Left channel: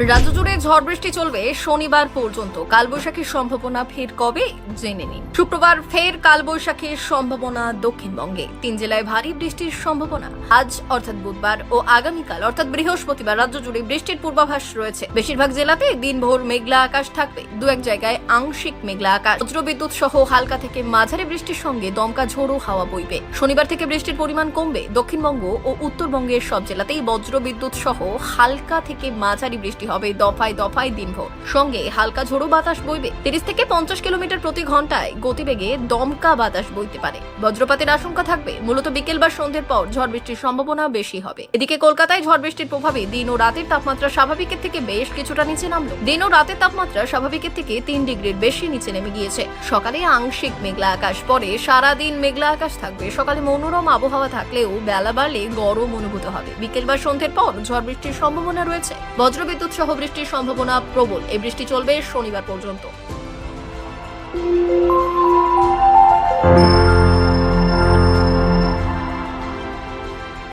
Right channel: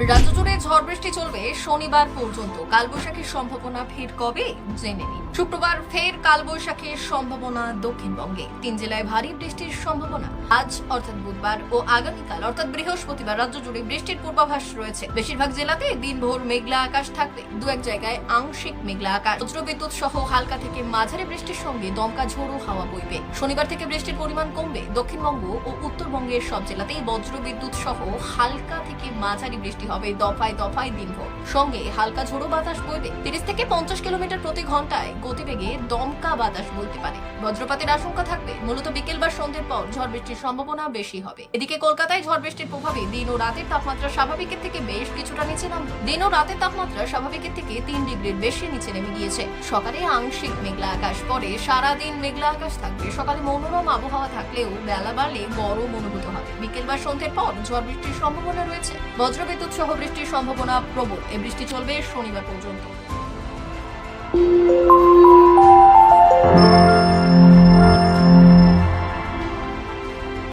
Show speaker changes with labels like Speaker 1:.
Speaker 1: রাজ্য জুড়ে ঝড় বৃষ্টি চলবে শনিবার পর্যন্ত। কালবৈশাখীর সম্ভাবনা ফের কবে জেনে নিন। শুক্রবার ফের কালবৈশাখীর সম্ভাবনা দক্ষিণবঙ্গে। তিন জেলায় ভারী বৃষ্টির সম্ভাবনা। আজ অর্থাৎ বুধবার ও আগামীকাল, অর্থাৎ বৃহস্পতিবার রাজ্য জুড়ে বৃষ্টির পূর্বাভাস রয়েছে। বেশিরভাগ জেলাতে দিনভর মেঘলা আকাশ থাকবে। দু এক জায়গায় আংশিক মেঘলা আকাশ। বজ্রবিদ্যুৎ সহ হালকা থেকে মাঝারি বৃষ্টির সঙ্গে দমকা ঝোড়ো হাওয়া বইবে। শনিবার থেকে বৃষ্টির পরিমাণ কমবে। দক্ষিণবঙ্গ ও উত্তরবঙ্গের সব জেলাতেই বজ্রবিদ্যুৎ সহ হালকা থেকে মাঝারি বৃষ্টি হবে দফায় দফায় দিনভর। সঙ্গে হালকা ঝোড়ো বাতাস বইবে। তিরিশ থেকে পঞ্চাশ কিলোমিটার প্রতি ঘন্টায় গতিবেগে দমকা বাতাস বইতে পারে। বজ্রপাতের আশঙ্কা থাকবে। মূলত বিকেল বা সন্ধ্যের পর ঝড় বৃষ্টির সম্ভাবনা বেশি হবে। এদিকে কলকাতায় ঝড় বৃষ্টির প্রভাবে দিন ও রাতের তাপমাত্রা স্বাভাবিকের থেকে বেশ কিছুটা নিচে নামলো। দিন ও রাতের তাপমাত্রা স্বাভাবিকের থেকে তিন ডিগ্রির বেশি নিচে নেমে গিয়েছে। সকালে আংশিক মেঘলা আকাশ, পরে সারাদিন মেঘলা আকাশ থাকবে। সকালে মনোরম আবহাওয়া থাকলেও বেলা বাড়লে গরম অনুভূত হবে। বিকেল বা সন্ধ্যের পর ঝড় বৃষ্টির সম্ভাবনা রয়েছে। বজ্রবিদ্যুৎ সহ বৃষ্টির সম্ভাবনা প্রবল। এই বৃষ্টি চলবে শনিবার পর্যন্ত।